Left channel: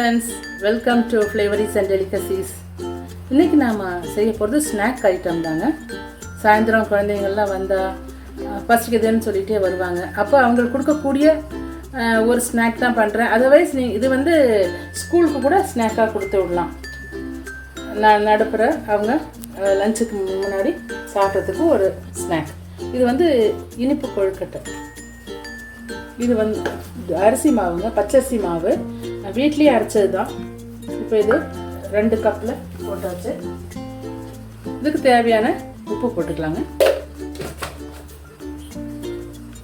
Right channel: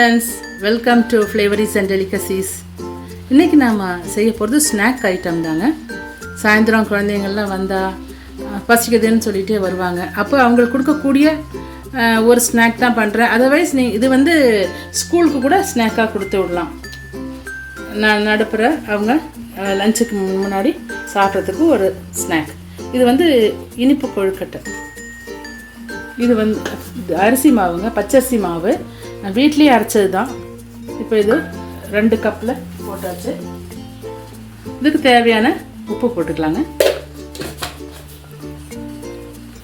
Friends, welcome to flavours and delicacies. இன்றைக்கி நாம் செய்ய போகிறது ஸ்நாக் ஐட்டம் தாங்க. சாயந்தரம் குழந்தைங்கள்லாம் வந்தால் பசிக்குதுன்னு சொல்லிகிட்டே வருவாங்க. அப்போ அவங்களுக்கு கொடுக்கக்கூடிய ஒரு ஸ்நாக் தான் பண்ணுறேன். அதர்வைஸ் இது வந்து ஸ்கூலுக்கு கூட ஸ்நாக்காக கொடுத்து விடலாம். நான் நடுப்புற அவங்க லஞ்சுக்கு முன்னாடி சாப்பிட்றதுக்கு ஒரு ஸ்நாக். இது வந்து இனிப்பு கொழுக்கட்டை. இது வந்து அரிசி மாவுங்க, பச்சரிசி மாவு. நான் வீட்லேயே அரைச்சது தான். இப்போ இது 2 கப்பில் போட்டாச்சு. இதுக்கு தேவையான உப்பு போட்டுக்கலாங்க.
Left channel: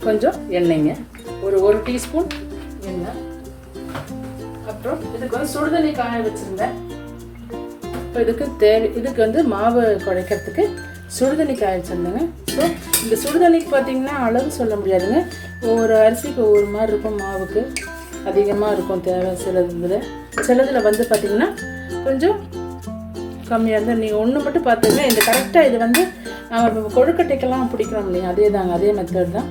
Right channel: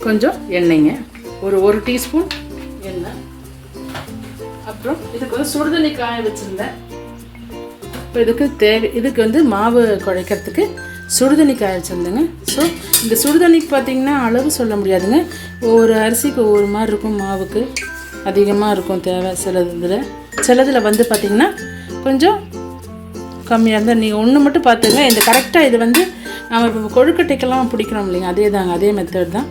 கொஞ்சம் எண்ணெய்ங்க, ஒரு டீஸ்பூன் எண்ணெய். அப்புறம் இதுக்கு வந்து சுடுதண்ணி காய வச்சுருந்தேன். இப்போ இதுக்கு வந்து மாவு குழைக்கிறதுக்கு சுடுதண்ணி காய வச்சுருந்தேங்க. ஸோ இந்த சுடுதண்ணிக்கு பார்த்திங்கன்னா அளவு சொல்ல முடியாதுங்க. ஒரு அரிசிக்கு ஒவ்வொரு மாதிரி இருக்கும், மாவுக்கு அதிகமாக இருக்கும் தேவை. சிலதில் வந்து பார்த்திங்கன்னா கொஞ்சம் கம்மியாக இருந்தால் நீங்கள் ஒன்று மட்டும் பார்த்துங்க. இந்த கரெக்டாக இது வந்து நம்ம இப்போ கொழுக்கட்டைக்கெல்லாம் பிடிக்கிறோம் இல்லைங்க, அதே தாங்க, அதே மெத்தட் தான்.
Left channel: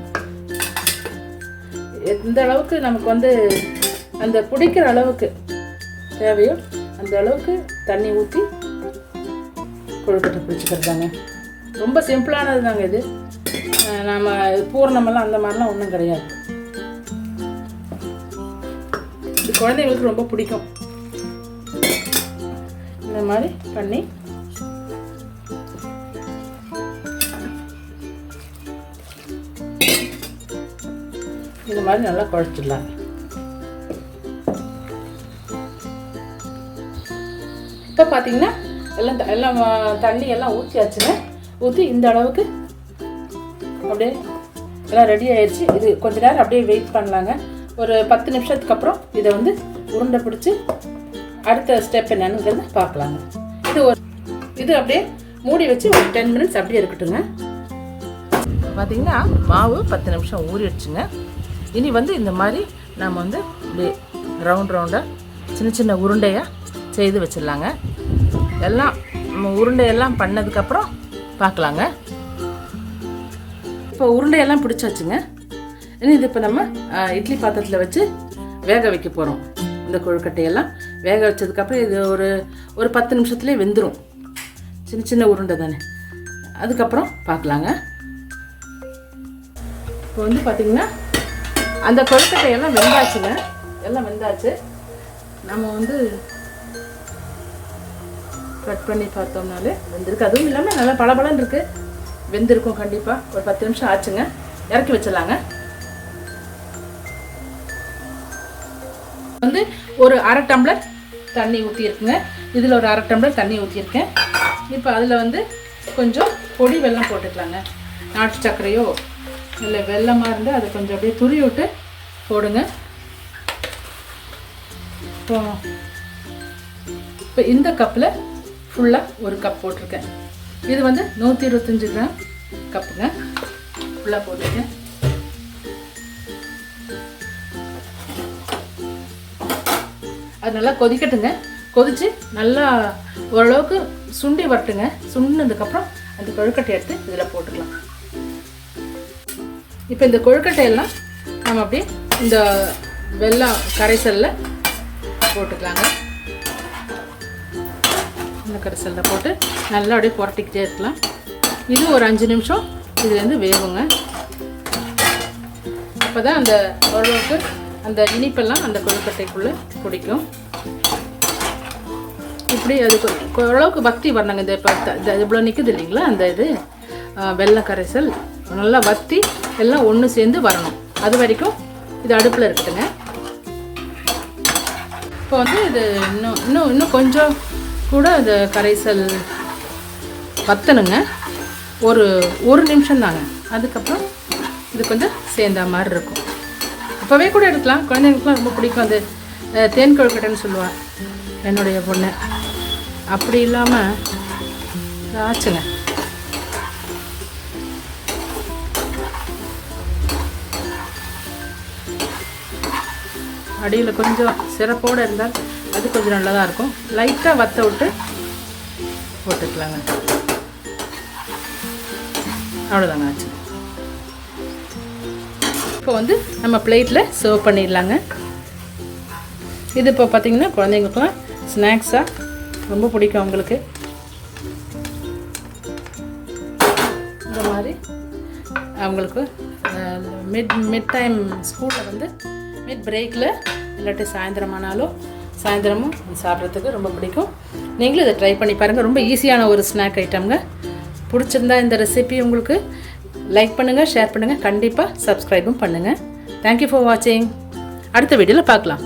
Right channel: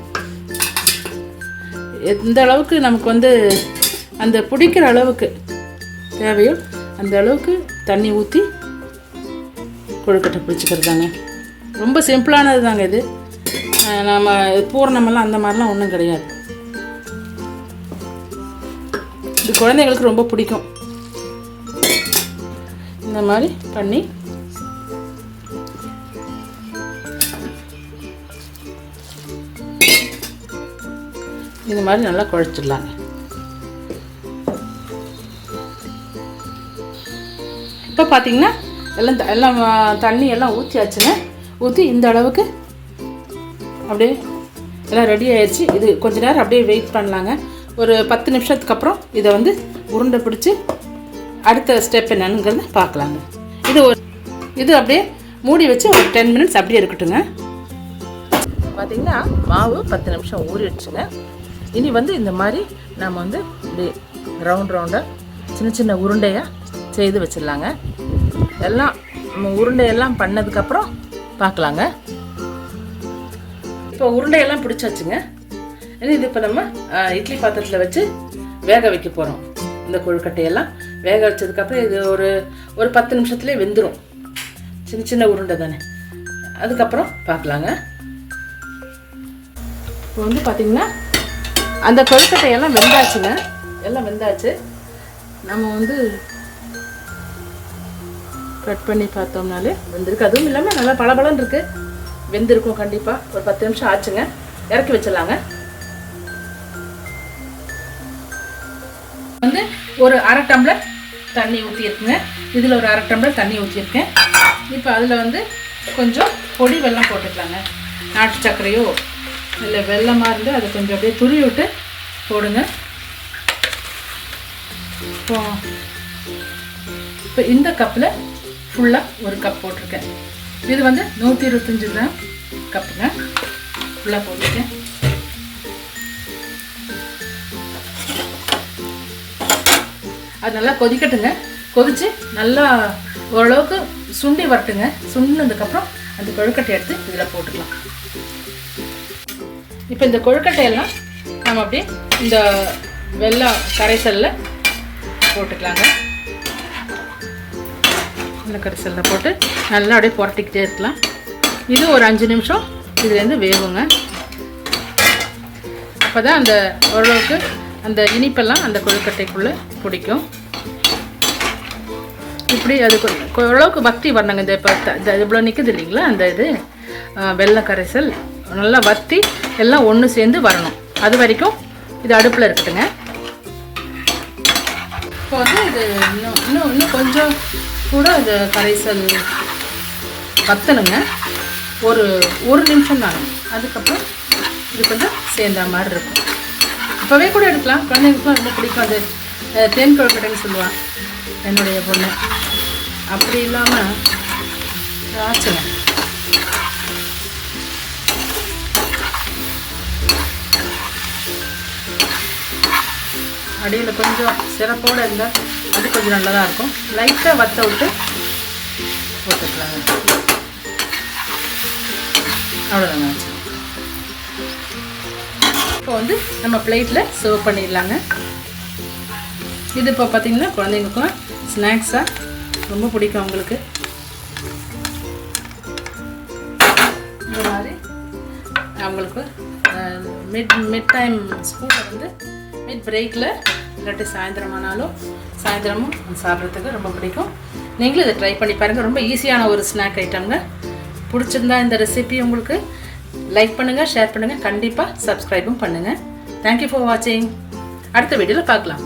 எந்த அளவுக்கு நமக்கு வந்து அந்த பிடிக்கிற அளவுக்கு தேவையோ அந்த அளவுக்கு தண்ணி ஊற்றி கொழுக்கட்டை பிடிச்சிக்கிறது தாங்க. ரொம்ப சிம்பிளானது தாங்க இது. நம்ம பூர்ணமெல்லாம் அந்த மாதிரிலாம் ஒன்றும் கிடையாது. இது குழந்தைங்களுக்கு ரொம்ப பிடிக்கும். இந்த மாதிரி பண்ணி இந்த மாதிரி நல்லா குழைச்சிடலாங்க. இப்போ பார்த்தீங்கன்னா எல்லாம் தண்ணி எல்லாம் ஊற்றியாச்சுங்க. ஊற்றி இந்த அளவுக்கு அப்படியே எல்லாம் ரெடி ஆயிடுச்சு. இது கொஞ்ச நேரம் அப்படியே வெயிட் பண்ணலாங்க. ஒரு 10 நிமிஷத்துக்கு அப்புறம் இதை வந்து உருண்டை பிடிச்சி அடுத்த ஸ்டெப் என்னங்கிறது பார்க்கலாங்க. இது அப்படியே மூடி வச்சு ஒரு 10 மினிட்ஸ் அப்படியே இருக்கட்டுங்க. பார்த்திங்கன்னா மாவு 10 நிமிஷம் ஊறிடுச்சுங்க. இனி வந்து இந்த மாதிரி நம்ம வந்து இப்படி ரவுண்டாக சின்ன உருண்டையாக செய்து வச்சிடலாங்க. எல்லாம் உருண்டையெல்லாம் பண்ணதுக்கப்புறம் பார்க்கலாங்க. இப்போ உருண்டையெல்லாம் பிடிச்சி வச்சுங்க. இது இப்போ நம்ம இட்லி பாத்திரத்தில் வச்சு வேக வைக்க போகிறோம். இந்த கொழுக்கட்டையெல்லாம் வேக வச்சதுக்கப்புறம் இது ஒரு 10 நிமிஷத்துலேயே வெந்துடும். சின்ன உருண்டை தானே. அதுக்கப்புறம் பார்க்கலாங்க. இப்போ வந்து பார்த்திங்கன்னா அந்த கொழுக்கட்டையெல்லாம் வெந்தாச்சுங்க. எல்லாம் வெந்தாச்சு. நம்ம வந்து கட் பண்ணி பார்த்தோம்னாலே வெந்திருக்கு. அதுவும் இல்லாமல் நல்லா பளபளன்னு இருக்குது. வெந்திருக்கும் கண்டிப்பாக. ஒரு 10 நிமிஷம் ஆச்சுங்க. இறக்கி வச்சிடலாங்க. வந்து ஒரு 1/2 டம்ளர் தண்ணி ஊற்றிருக்குங்க. இதில் ஒரு 1/2 டம்ளர் தண்ணி ஊற்றிருக்கேன். இப்போ அதில் வந்து கொஞ்சம் பொடி வெல்லம் போட்டுக்கலாங்க. நாட்டு சர்க்கரையோ இல்லை வெல்லமாக இருந்தால் அதை கொஞ்சம் அப்படியே துருவி விட்டு போடுங்க. இப்போ இந்த கப்பில் ஃபுல்லாக 1 கப் போட்டிருக்கேன். இது வந்து 125 கிராம் கப்புங்க. ஃபுல்லாக போட்டிருக்கேன். அது நல்லா கொதிக்கட்டுங்க. கொதித்து நல்லா ஓரளவுக்கு சுண்டி வரட்டுங்க. சுண்டினதுக்கப்புறம் அந்த கொழுக்கட்டை எடுத்து இதில் போட்டுக்கலாம். இப்போ இந்த கொழுக்கட்டையெல்லாம் நம்ம அப்படியே இந்த வெல்லம் கரைசலில் போட்டுக்கலாங்க. இந்த கரைசலில் போட்டு நல்லா அப்படியே புரட்டிக்கிட்டே இருக்கலாம். இது ஒரு 5 நிமிஷம் இதுலேருந்து வேகுங்க. அப்போ தான் அந்த ஓரளவுக்கு அந்த இனிப்பெல்லாம் அந்த கொழுக்கட்டைக்குள்ளே பிடிக்கும். இப்படி அதுக்கு ஓரளவுக்கு வத்தி வரணுங்க. இந்த இப்போ இவ்வளோ நிற்குது இல்லைங்களா, அந்த இது வெல்ல கரைசல் நல்லா வத்தி எல்லாம் ஒன்று சேர்ந்து வரணும். அது வரைக்கும் இது அடுப்பில் இருக்கட்டுங்க. இப்போ வந்து இது இன்னும் கொஞ்சம் கூட இந்த கரைசல் வத்தணுங்க. ஒரு நிமிஷம் தாங்க. அதுக்கப்புறம் இது கொஞ்சம் சேர்ந்த மாதிரி இருக்கும். அப்போவே கூட எடுக்கலாம். குழந்தைங்களுக்குலாம் ரொம்ப பிடிக்கும். அது தேன் கொழுக்கட்டைன்னு சொல்லுவாள் என்னுடைய பொண்ணு. அப்படி இல்லாமல் ஆச்சுங்க. அடியில் கொஞ்சம் சிறப்போடு இருந்தால் அது கொஞ்சம் நல்லா தான் இருக்கும். லைட்டாக வத்த விட்டு போட்டுக்கலாங்க. அவ்வளோதாங்க. இப்போ வந்து நம்ம பிளேட்டில் சர்வ் பண்ணிடலாங்க. இது இப்போ பார்த்திங்கன்னா குழந்தைங்களுக்கும் ஸ்நாக்ஸாக ரொம்ப பிடிக்கும் அவங்களுக்கு. இந்த மாதிரி அவங்களுக்கு மிட் டைம் ஸ்கூலில் வந்து மிட் பிரேக்கில் இல்லாட்டி சாயந்தரமும் சாப்பிட்றதுக்கு ரொம்ப பிடிக்கும். நீங்களும் இதை ட்ரை பண்ணி பாருங்கள். ரொம்ப ஈஸியான ஒரு ஸ்நாக் ஐட்டம்ங்க. பிடிச்சிருந்தா இந்த ரெசிபி உங்களுக்கு லைக் பண்ணுங்கள், ஷேர் பண்ணுங்கள், கண்டிப்பாக சப்ஸ்கிரைபும் பண்ணுங்கள். தேங்க்யூ ஃபார் வாட்சிங். அடுத்த வீடியோவில் பார்க்கலாம்.